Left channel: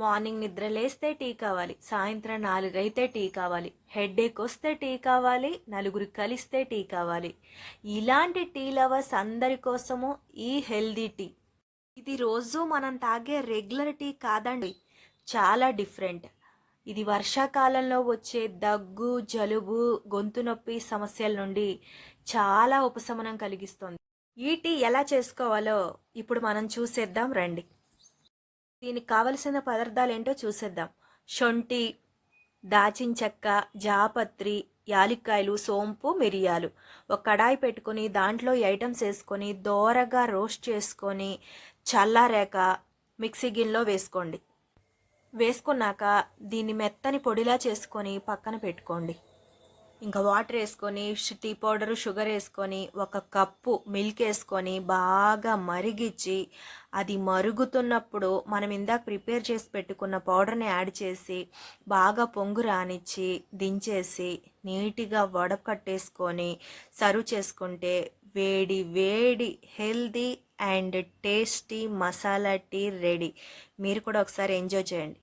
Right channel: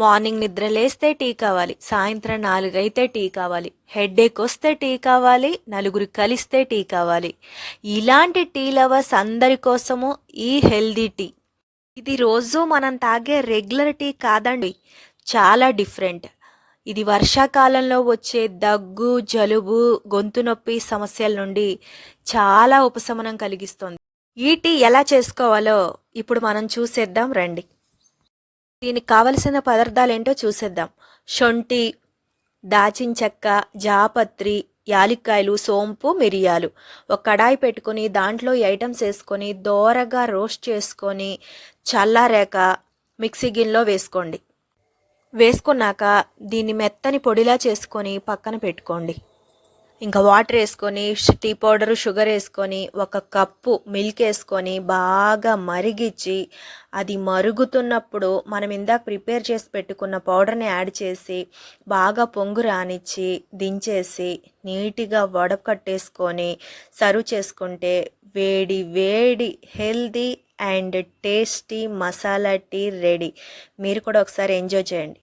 Morning నిద్ర లేస్తే tea కావాలి సాయంత్రం నాలుగైతే టీ కావాలి హెడేక్ వస్తే టీ కావాలి నలుగురు కలిస్తే టీ కావాలి. ఇలాంటి టీ లవర్స్ అందరి కోసము ఈ హెల్దీ టీ. ఇది రోజు మనం తాగే రెగ్యులర్ టీ కాదండి చాలా డిఫరెంట్. ఇది వర్షాకాలంలో వచ్చే దగ్గు జలుబు గొంతు నొప్పి సమస్యల నుండి చాలా ఉపశమనం కలిగిస్తుంది. ఈ టీ ఎలా చేసుకోవాలో ఇప్పుడు మనం చూసేద్దాం రండి. దీనికి కావలసిన పదార్థాలు ఏంటో చూసేద్దాం. శొంఠి దాచిన చెక్క జాపత్రి యాలిక్కాయలు సోంపు మిరియాలు. ఒక కడాయి పెట్టుకొని దాంట్లో ఈ ఐటమ్స్ వేసుకొని దోరగా రోస్ట్ చేసుకొని చల్లారాక మిక్సీ గిన్నెలో వేసుకోండి. వేసుకున్నాక దీన్ని మెత్తని పొడిలా చేసుకొని పక్కన పెట్టుకోండి. ఇంకా వాటర్ వేసుకొని టీ పౌడర్ షుగర్ వేసుకొని ఒక కప్పు మిల్క్ వేసుకొని బాగా మరిగించి అది మరుగుతున్నప్పుడు మనం ఇందాక ప్రిపేర్ చేసి పెట్టుకున్న పౌడర్ని యాడ్ చేసి బాగా పొంగు రానిచ్చి దించేసి నీట్గా వడకట్టేసుకొని సర్వ్ చేసుకుంటే వేడి వేడి healthy and tasty masala tea ready మీరు కూడా ఒకసారి ఎంజాయ్ చేయండి.